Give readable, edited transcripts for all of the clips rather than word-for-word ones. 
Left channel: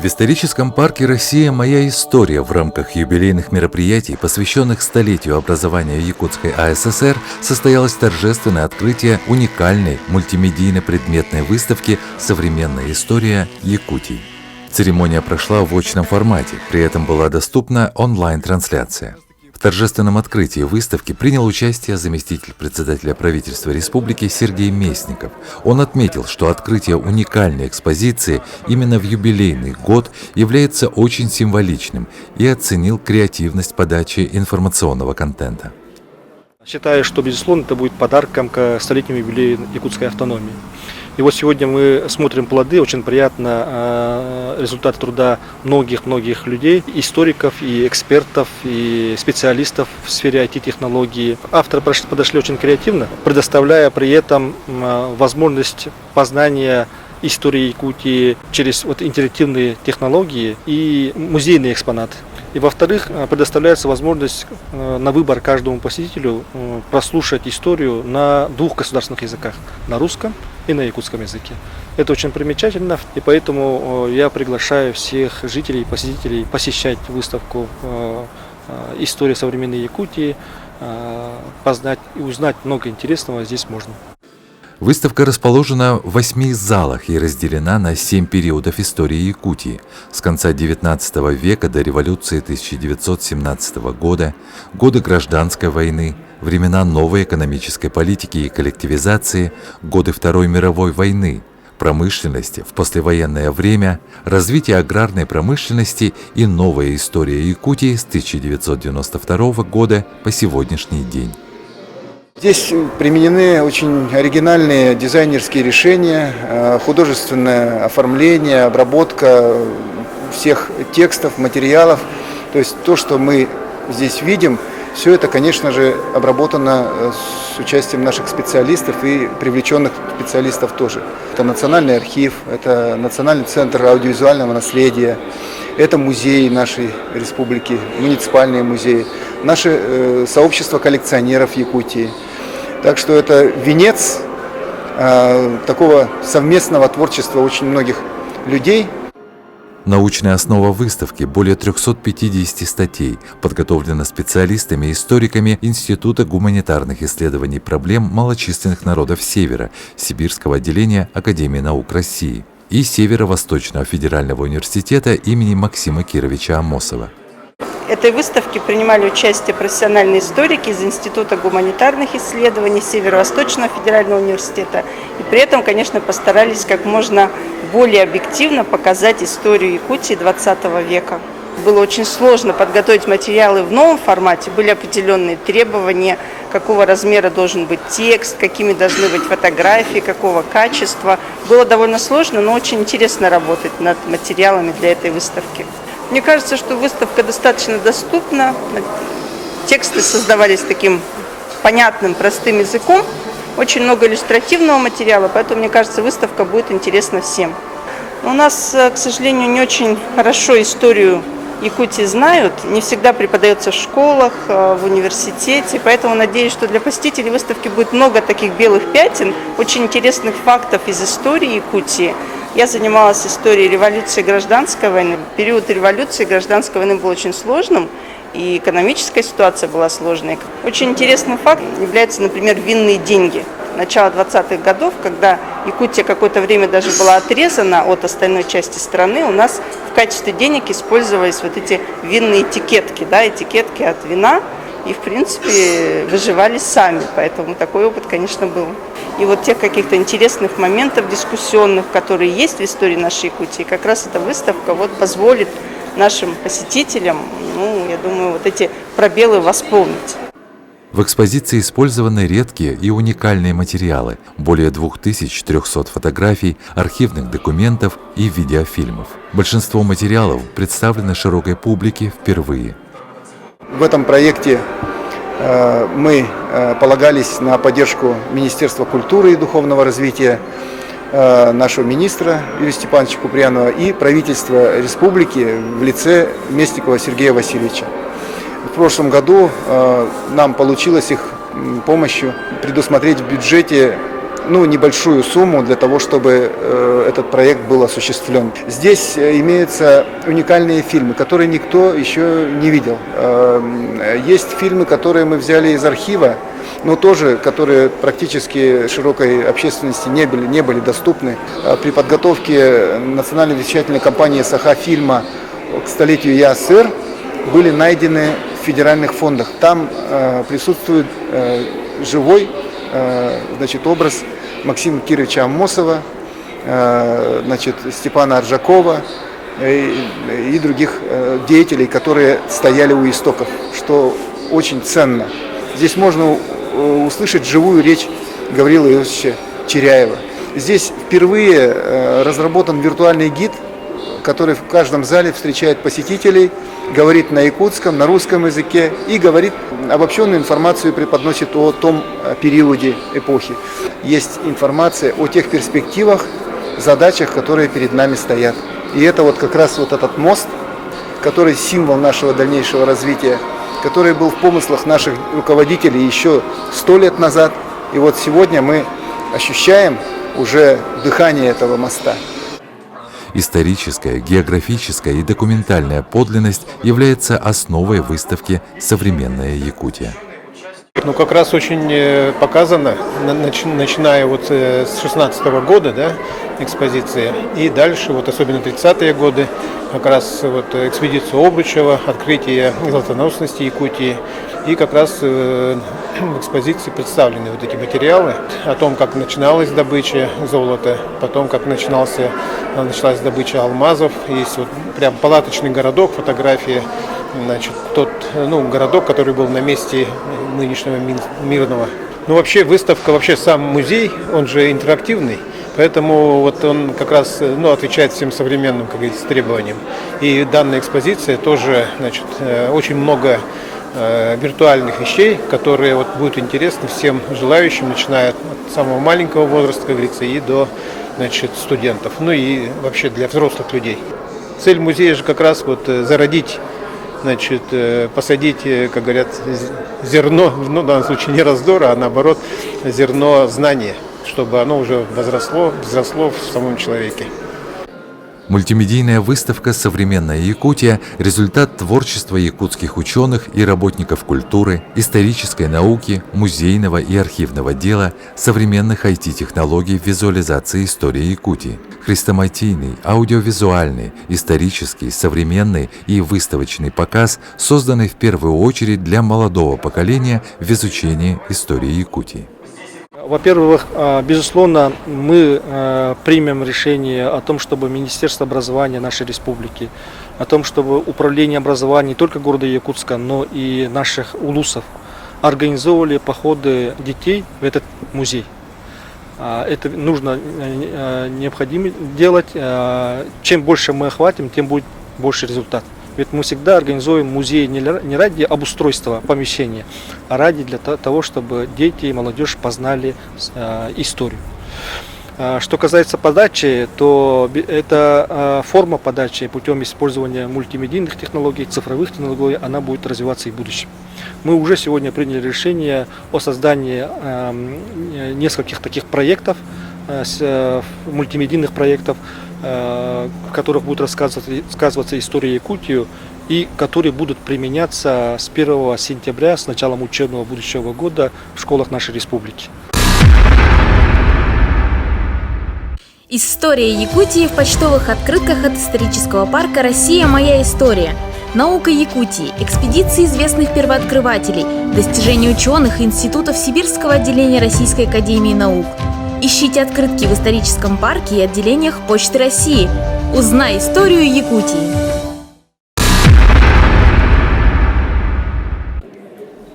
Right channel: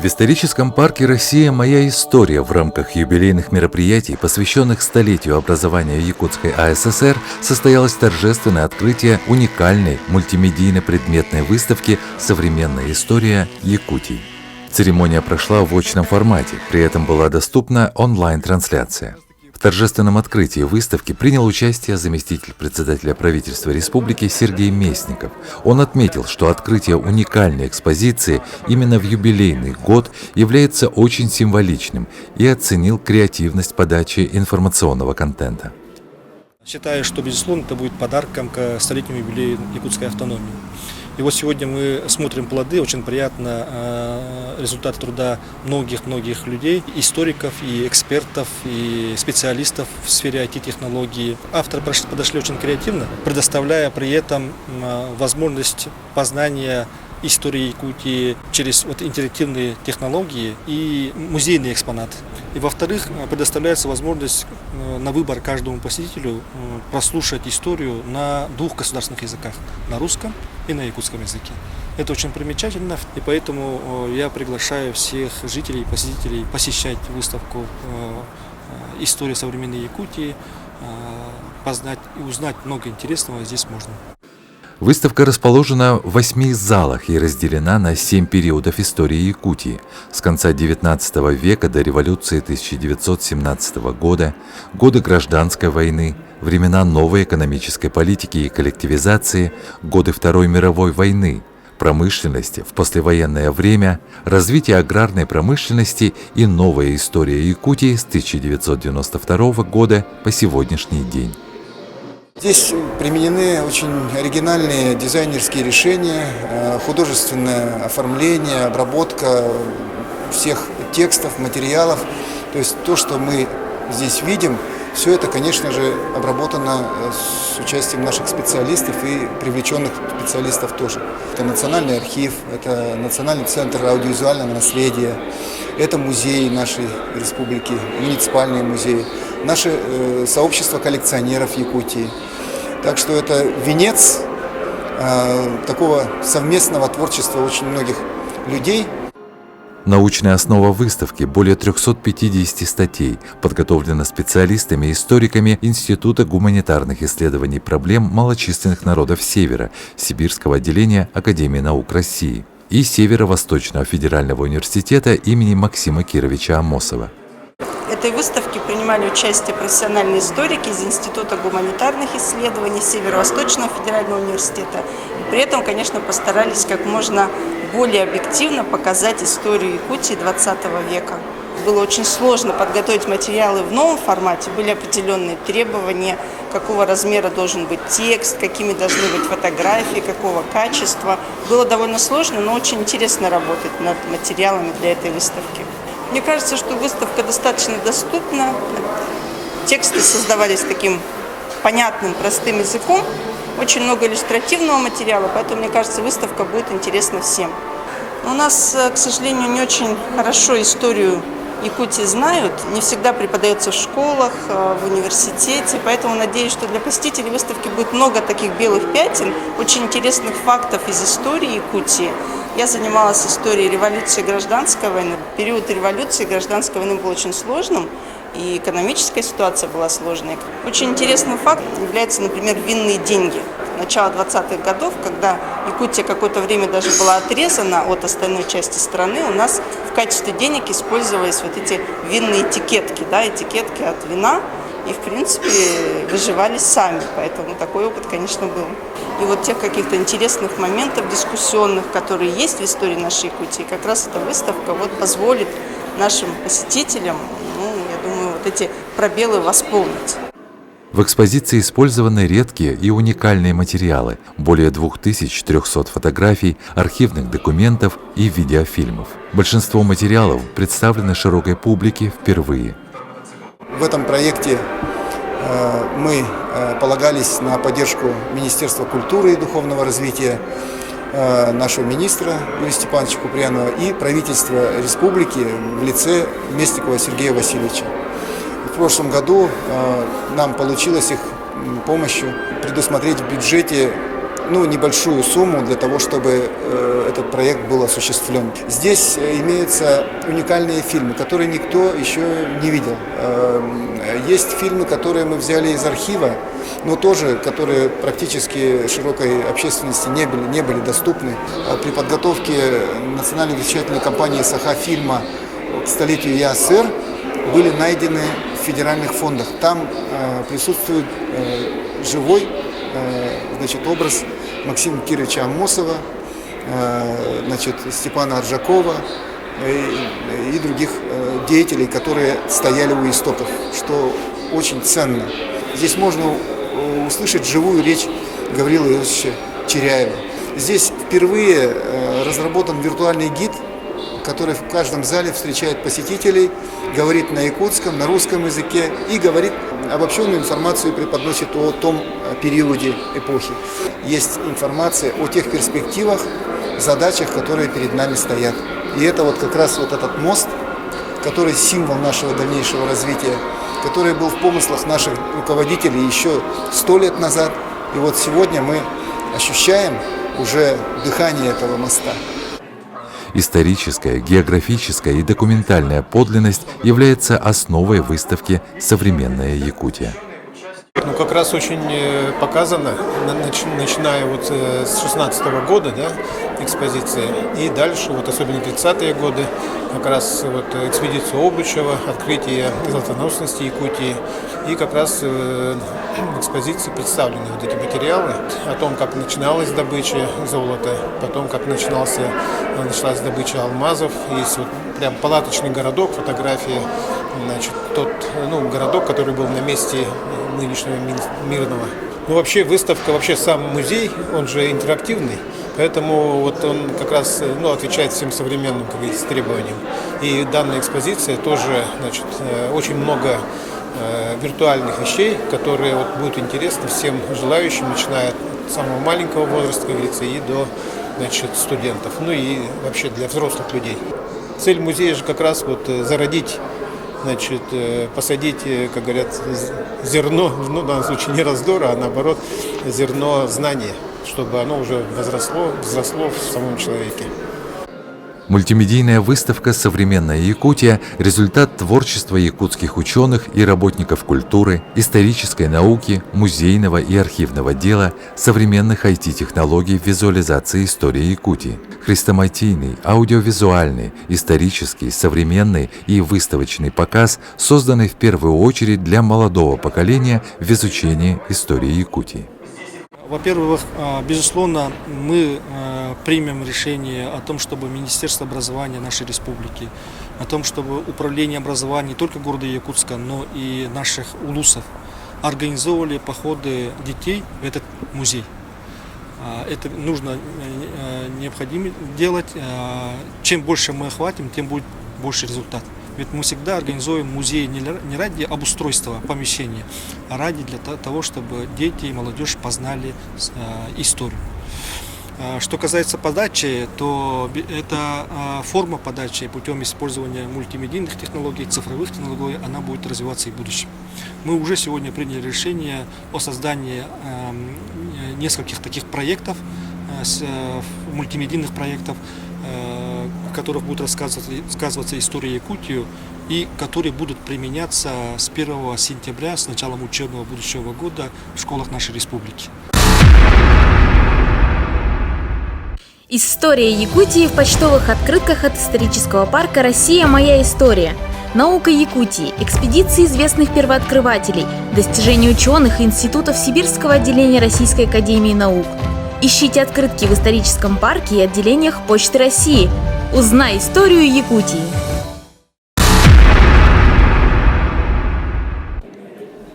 В историческом парке «Россия. Моя история» в рамках юбилейных мероприятий, посвященных столетию образования Якутской АССР, состоялось торжественное открытие уникальной мультимедийно-предметной выставки «Современная история Якутии». Церемония прошла в очном формате, при этом была доступна онлайн-трансляция. В торжественном открытии выставки принял участие заместитель председателя правительства республики Сергей Местников. Он отметил, что открытие уникальной экспозиции именно в юбилейный год является очень символичным и оценил креативность подачи информационного контента. Считаю, что, безусловно, это будет подарком к столетнему юбилею якутской автономии. И вот сегодня мы смотрим плоды, очень приятно, результат труда многих людей, историков, и экспертов, и специалистов в сфере IT-технологии. Авторы подошли очень креативно, предоставляя при этом возможность познания истории Якутии через интерактивные технологии и музейный экспонат. И во-вторых, предоставляется возможность на выбор каждому посетителю прослушать историю на двух государственных языках, на русском и на якутском языке. Это очень примечательно, и поэтому я приглашаю всех жителей и посетителей посещать выставку «История современной Якутии», познать и узнать много интересного здесь можно. Выставка расположена в 8 залах и разделена на 7 периодов истории Якутии с конца XIX века до революции 1917 года, годы гражданской войны, времена новой экономической политики и коллективизации, годы Второй мировой войны, промышленности в послевоенное время, развитие аграрной промышленности и новая история Якутии с 1992 года по сегодняшний день. Здесь применены очень оригинальные дизайнерские решения, художественное оформление, обработка всех текстов, материалов. То есть то, что мы здесь видим, все это, конечно же, обработано с участием наших специалистов и привлеченных специалистов тоже. Это Национальный архив, это Национальный центр аудиовизуального наследия, это музеи нашей республики, муниципальные музеи, наше сообщество коллекционеров Якутии. Так что это венец такого совместного творчества очень многих людей. Научная основа выставки – более 350 статей, подготовлена специалистами и историками Института гуманитарных исследований проблем малочисленных народов Севера, Сибирского отделения Академии наук России и Северо-Восточного федерального университета имени Максима Кировича Амосова. В этой выставке принимали участие профессиональные историки из Института гуманитарных исследований Северо-Восточного федерального университета. И при этом, конечно, постарались как можно более объективно показать историю Якутии XX века. Было очень сложно подготовить материалы в новом формате, были определенные требования, какого размера должен быть текст, какими должны быть фотографии, какого качества. Было довольно сложно, но очень интересно работать над материалами для этой выставки. Мне кажется, что выставка достаточно доступна, тексты создавались таким понятным, простым языком, очень много иллюстративного материала, поэтому, мне кажется, выставка будет интересна всем. Но у нас, к сожалению, не очень хорошо историю Якутии знают, не всегда преподается в школах, в университете, поэтому надеюсь, что для посетителей выставки будет много таких белых пятен, очень интересных фактов из истории Якутии. Я занималась историей революции и гражданской войны. Период революции и гражданской войны был очень сложным, и экономическая ситуация была сложной. Очень интересным фактом являются, например, винные деньги. Начало 20-х годов, когда Якутия какое-то время даже была отрезана от остальной части страны, у нас в качестве денег использовались вот эти винные этикетки, этикетки от вина, и, в принципе, выживались сами, поэтому такой опыт, конечно, был. И вот тех каких-то интересных моментов дискуссионных, которые есть в истории нашей Якутии, как раз эта выставка позволит нашим посетителям, я думаю, вот эти пробелы восполнить. В экспозиции использованы редкие и уникальные материалы, более 2300 фотографий, архивных документов и видеофильмов. Большинство материалов представлены широкой публике впервые. В этом проекте мы полагались на поддержку Министерства культуры и духовного развития, нашего министра Юрия Степановича Куприянова и правительства республики в лице Местникова Сергея Васильевича. В прошлом году нам получилось их помощью предусмотреть в бюджете небольшую сумму для того, чтобы этот проект был осуществлен. Здесь имеются уникальные фильмы, которые никто еще не видел. Есть фильмы, которые мы взяли из архива, но тоже, которые практически широкой общественности не были доступны. При подготовке национальной вещательной компании «Саха-фильма» к столетию ЯСР были найдены в федеральных фондах. Там присутствует живой образ Максима Кировича Аммосова, Степана Аржакова и других деятелей, которые стояли у истоков, что очень ценно. Здесь можно услышать живую речь Гаврила Иосифовича Черяева. Здесь впервые разработан виртуальный гид, который в каждом зале встречает посетителей, говорит на якутском, на русском языке и говорит обобщенную информацию, преподносит о том периоде эпохи. Есть информация о тех перспективах, задачах, которые перед нами стоят. И это вот как раз вот этот мост, который символ нашего дальнейшего развития, который был в помыслах наших руководителей еще 100 лет назад. И вот сегодня мы ощущаем уже дыхание этого моста. Историческая, географическая и документальная подлинность является основой выставки «Современная Якутия». Как раз очень показано, начиная с 16-го года, экспозиции, и дальше, особенно 30-е годы, как раз экспедицию Обручева, открытие золотоносности Якутии, и как раз в экспозиции представлены эти материалы о том, как начиналась добыча золота, потом как началась добыча алмазов. Есть прям палаточный городок, фотография, тот городок, который был на месте нынешнего Мирного. Вообще выставка, сам музей, он же интерактивный, поэтому он как раз отвечает всем современным, как говорится, требованиям. И данная экспозиция тоже, очень много виртуальных вещей, которые будут интересны всем желающим, начиная от самого маленького возраста, как говорится, и до студентов, и вообще для взрослых людей. Цель музея же как раз зародить, посадить, как говорят, зерно, в данном случае не раздора, а наоборот, зерно знания, чтобы оно уже взросло в самом человеке. Мультимедийная выставка «Современная Якутия» – результат творчества якутских ученых и работников культуры, исторической науки, музейного и архивного дела, современных IT-технологий в визуализации истории Якутии. Хрестоматийный, аудиовизуальный, исторический, современный и выставочный показ, созданный в первую очередь для молодого поколения в изучении истории Якутии. Во-первых, безусловно, мы примем решение о том, чтобы Министерство образования нашей республики, о том, чтобы управление образования не только города Якутска, но и наших улусов организовывали походы детей в этот музей. Это необходимо делать. Чем больше мы охватим, тем будет больше результат. Ведь мы всегда организуем музей не ради обустройства помещения, а ради для того, чтобы дети и молодежь познали историю. Что касается подачи, то эта форма подачи путем использования мультимедийных технологий, цифровых технологий, она будет развиваться и в будущем. Мы уже сегодня приняли решение о создании нескольких таких проектов, мультимедийных проектов, в которых будет рассказываться история Якутии и которые будут применяться с 1 сентября, с началом учебного будущего года в школах нашей республики. История Якутии в почтовых открытках от исторического парка «Россия. Моя история». Наука Якутии, экспедиции известных первооткрывателей, достижения ученых и институтов Сибирского отделения Российской академии наук. Ищите открытки в историческом парке и отделениях Почты России. Узнай историю Якутии.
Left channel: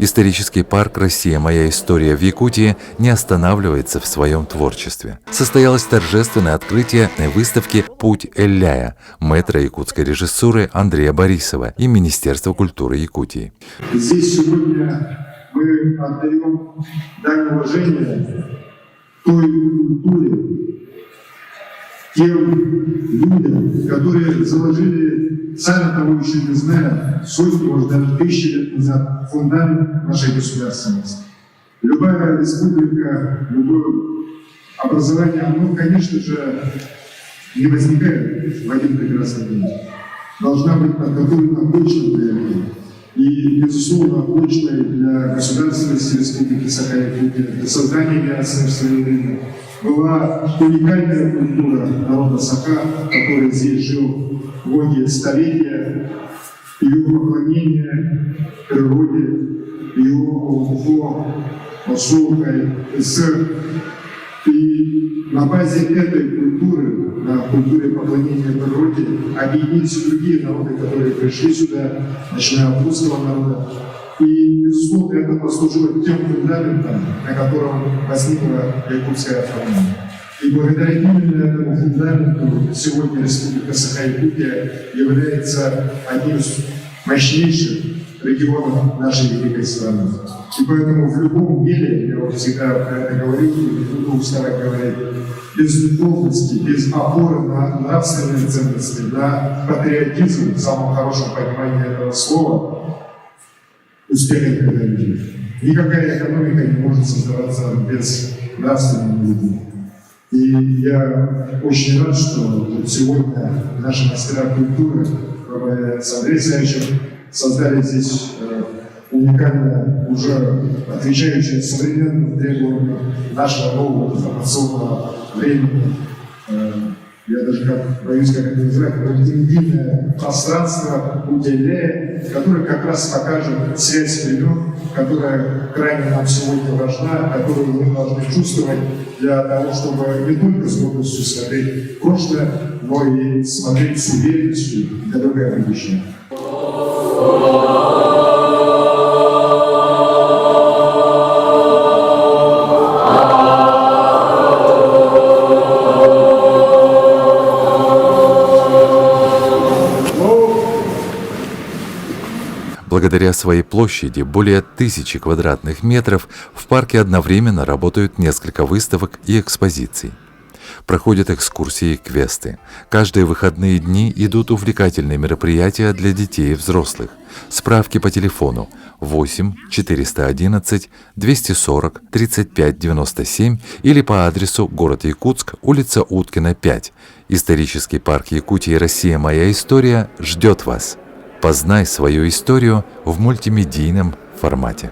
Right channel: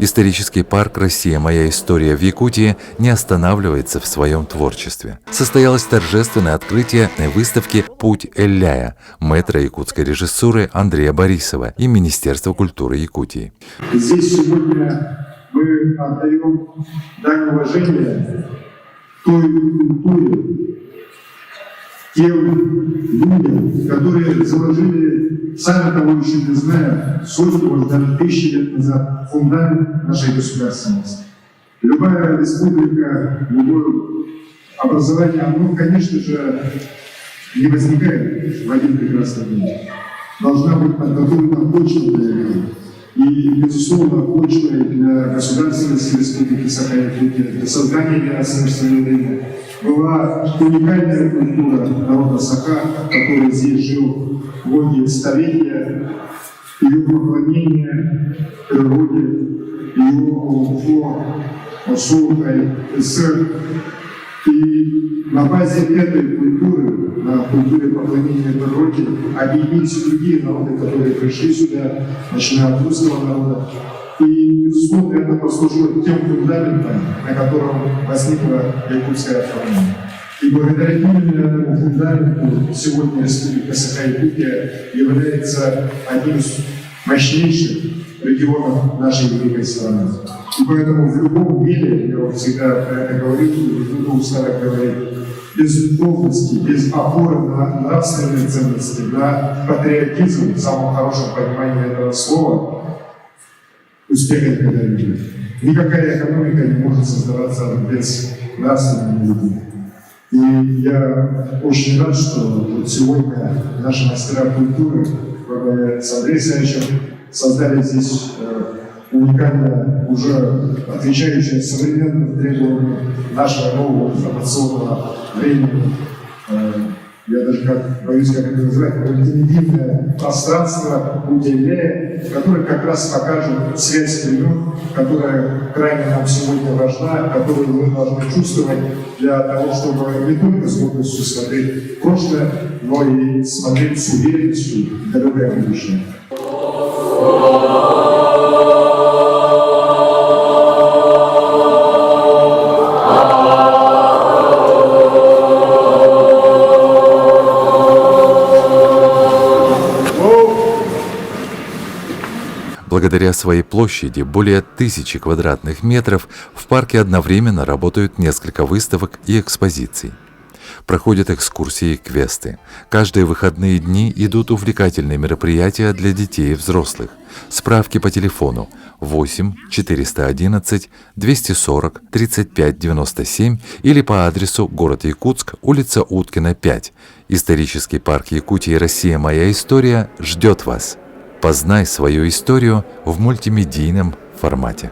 Исторический парк «Россия. Моя история» в Якутии не останавливается в своем творчестве. Состоялось торжественное открытие выставки «Путь Элляя» мэтра якутской режиссуры Андрея Борисова и Министерства культуры Якутии. Здесь сегодня мы отдаем дань уважения той культуре, тем людям, которые заложили, сами того еще не зная, сотни, может даже 1000 лет назад фундамент нашей государственности. Любая республика, любой образование, оно, конечно же, не возникает в один прекрасный день. Должна быть подготовлена почва для этого. И, безусловно, почвой для государственности Республики Саха-Якутия, для создания ясного в свое время была уникальная культура народа Саха, который здесь жил многие столетия, ее поклонение природе, ее Осулкой, СССР. И на базе этой культуры, на культуре поклонения природе, объединились другие народы, которые пришли сюда, начиная от русского народа. И, безусловно, это послужило тем фундаментом, на котором возникла якутская автономия. И благодаря именно этому фундаменту сегодня Республика Саха-Якутия является одним из мощнейших регионов нашей великой страны. И поэтому в любом деле, я вот всегда про это говорю, и буду устарок говорить, без духовности, без опоры на нравственные ценности, на патриотизм, в самом хорошем понимании этого слова, успеха никогда не будет. Никакая экономика не может создаваться без нравственных людей. И я очень рад, что вот сегодня наши мастера культуры с Андреем Савичем создали здесь уникальное, уже отвечающее современным требованиям нашего нового информационного времени. Я даже боюсь, как это называть, мультимедийное пространство Удейлея, которое как раз покажет связь времен, которая крайне нам сегодня важна, которую мы должны чувствовать для того, чтобы не только с гордостью смотреть в прошлое, но и смотреть с уверенностью в далекое будущее. Благодаря своей площади, более 1000 квадратных метров, в парке одновременно работают несколько выставок и экспозиций. Проходят экскурсии и квесты. Каждые выходные дни идут увлекательные мероприятия для детей и взрослых. Справки по телефону 8 411 240 35 97 или по адресу город Якутск, улица Уткина, 5. Исторический парк Якутии «Россия. Моя история» ждет вас. Познай свою историю в мультимедийном формате.